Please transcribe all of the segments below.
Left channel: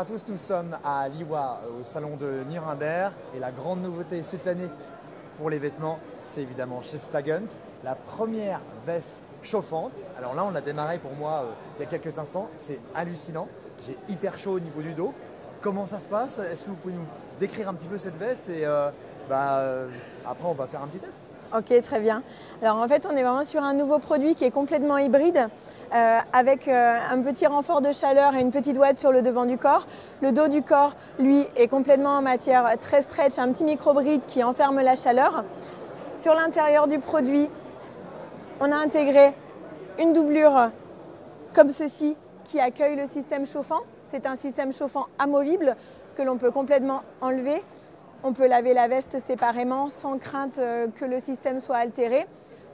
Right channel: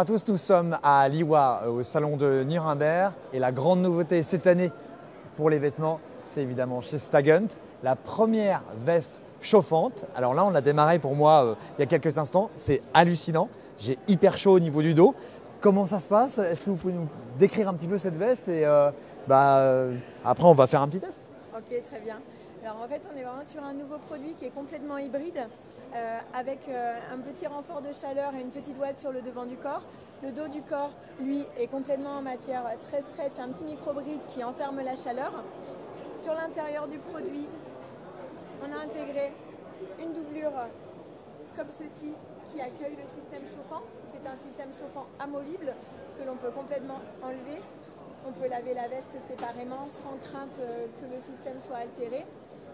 à tous, nous sommes à Liwa, au salon de Nuremberg. Et la grande nouveauté cette année pour les vêtements, c'est évidemment chez Staghunt, la première veste chauffante. Alors là, on a démarré pour moi il y a quelques instants. C'est hallucinant. J'ai hyper chaud au niveau du dos. Comment ça se passe? Est-ce que vous pouvez nous décrire un petit peu cette veste? Et après, on va faire un petit test. Ok, très bien. Alors en fait, on est vraiment sur un nouveau produit qui est complètement hybride, avec un petit renfort de chaleur et une petite ouate sur le devant du corps. Le dos du corps, lui, est complètement en matière très stretch, un petit micro-bride qui enferme la chaleur. Sur l'intérieur du produit, on a intégré une doublure comme ceci qui accueille le système chauffant. C'est un système chauffant amovible que l'on peut complètement enlever. On peut laver la veste séparément sans crainte que le système soit altéré.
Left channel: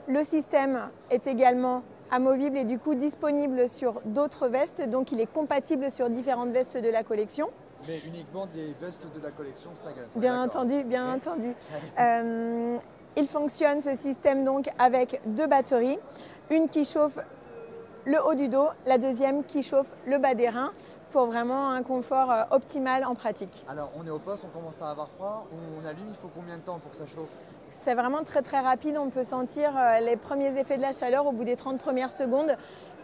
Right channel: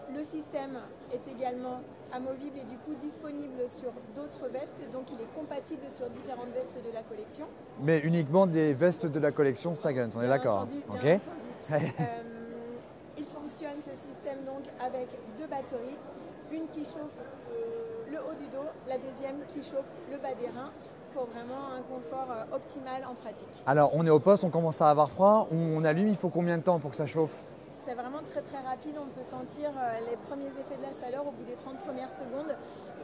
Le système est également amovible et du coup disponible sur d'autres vestes, donc il est compatible sur différentes vestes de la collection. Mais uniquement des vestes de la collection Staghunt, on est d'accord? Bien entendu. Il fonctionne ce système donc avec deux batteries, une qui chauffe le haut du dos, la deuxième qui chauffe le bas des reins, pour vraiment un confort optimal en pratique. Alors on est au poste, on commence à avoir froid, on allume, il faut combien de temps pour que ça chauffe? C'est vraiment très rapide, on peut sentir les premiers effets de la chaleur au bout des 30 premières secondes.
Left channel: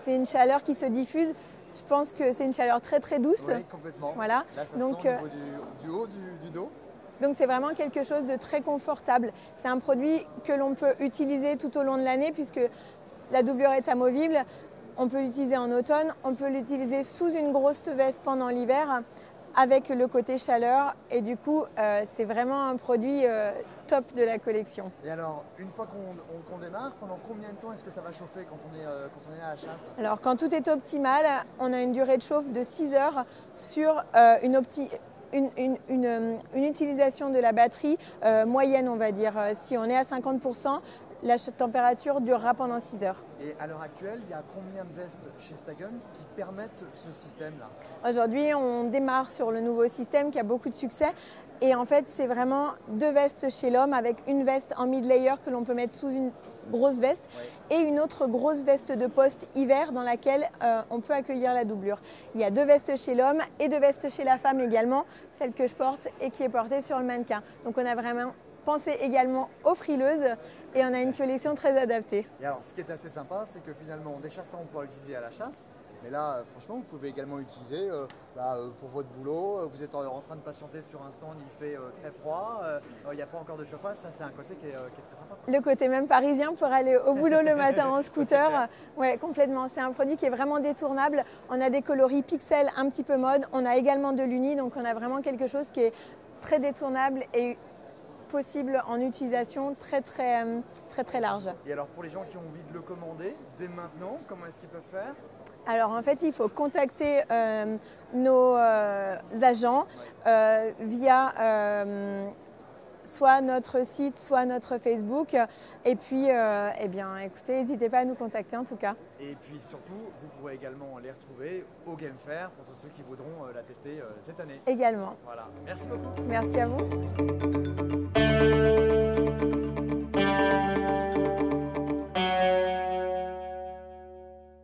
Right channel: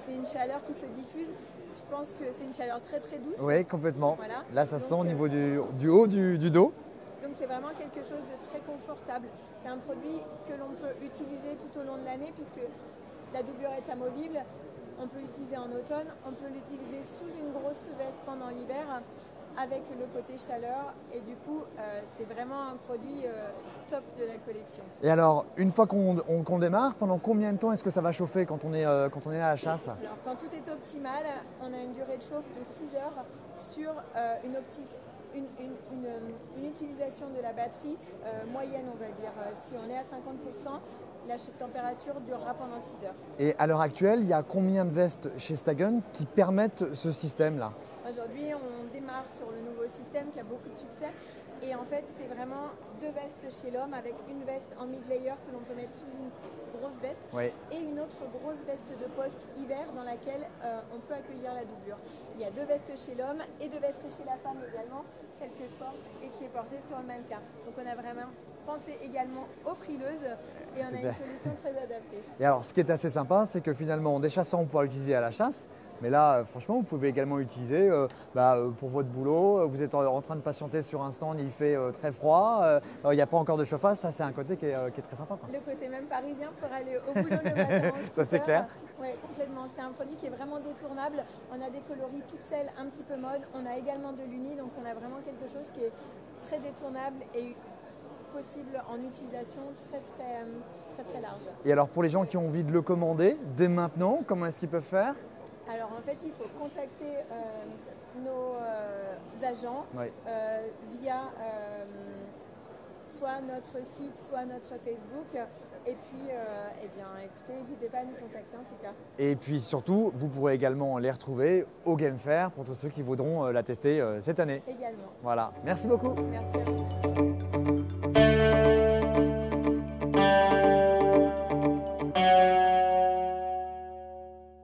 C'est une chaleur qui se diffuse. Je pense que c'est une chaleur très douce. Oui, complètement. Voilà. Là, ça sent au niveau du haut du dos. Donc c'est vraiment quelque chose de très confortable. C'est un produit que l'on peut utiliser tout au long de l'année puisque la doublure est amovible. On peut l'utiliser en automne, on peut l'utiliser sous une grosse veste pendant l'hiver avec le côté chaleur et du coup c'est vraiment un produit top de la collection. Et alors une fois qu'on démarre, pendant combien de temps est-ce que ça va chauffer quand on est à la chasse? Alors quand tout est optimal, on a une durée de chauffe de 6 heures sur une utilisation de la batterie moyenne, on va dire. Si on est à 50%, la température durera pendant 6 heures. Et à l'heure actuelle, il y a combien de vestes chez Staghunt qui permettent ce système-là? Aujourd'hui, on démarre sur le nouveau système qui a beaucoup de succès. Et en fait, c'est vraiment deux vestes chez l'homme avec une veste en mid-layer que l'on peut mettre sous une grosse veste et une autre grosse veste de poste hiver dans laquelle on peut accueillir la doublure. Il y a deux vestes chez l'homme et deux vestes chez la femme également, celle que je porte et qui est portée sur le mannequin. Donc on a vraiment pensé également aux frileuses et on a une collection très adaptée. Et alors ce qui est assez sympa, c'est que finalement des chasseurs on pourra l'utiliser à la chasse. Mais là, franchement, vous pouvez également l'utiliser pour votre boulot. Vous êtes en train de patienter sur un stand, il fait très froid, il n'y a pas encore de chauffage. Ça, c'est un côté qui est très sympa. Le côté même parisien pour aller au boulot le matin en scooter. Oui, complètement. C'est un produit qui est vraiment détournable. On a des coloris pixels un petit peu mode. On a également de l'uni, donc on a vraiment quelque chose qui est très détournable et possible en utilisation très large. Et alors pour les gens qui ont envie de le commander dès maintenant, comment est-ce qu'ils peuvent faire? Alors en fait, il faut contacter nos agents via soit notre site, soit notre Facebook. Et puis, écoutez, n'hésitez pas à nous contacter en tout cas. Et puis surtout, vous pourrez également les retrouver au Game Fair pour tous ceux qui voudront la tester cette année. Également. Voilà, merci beaucoup. Merci à vous.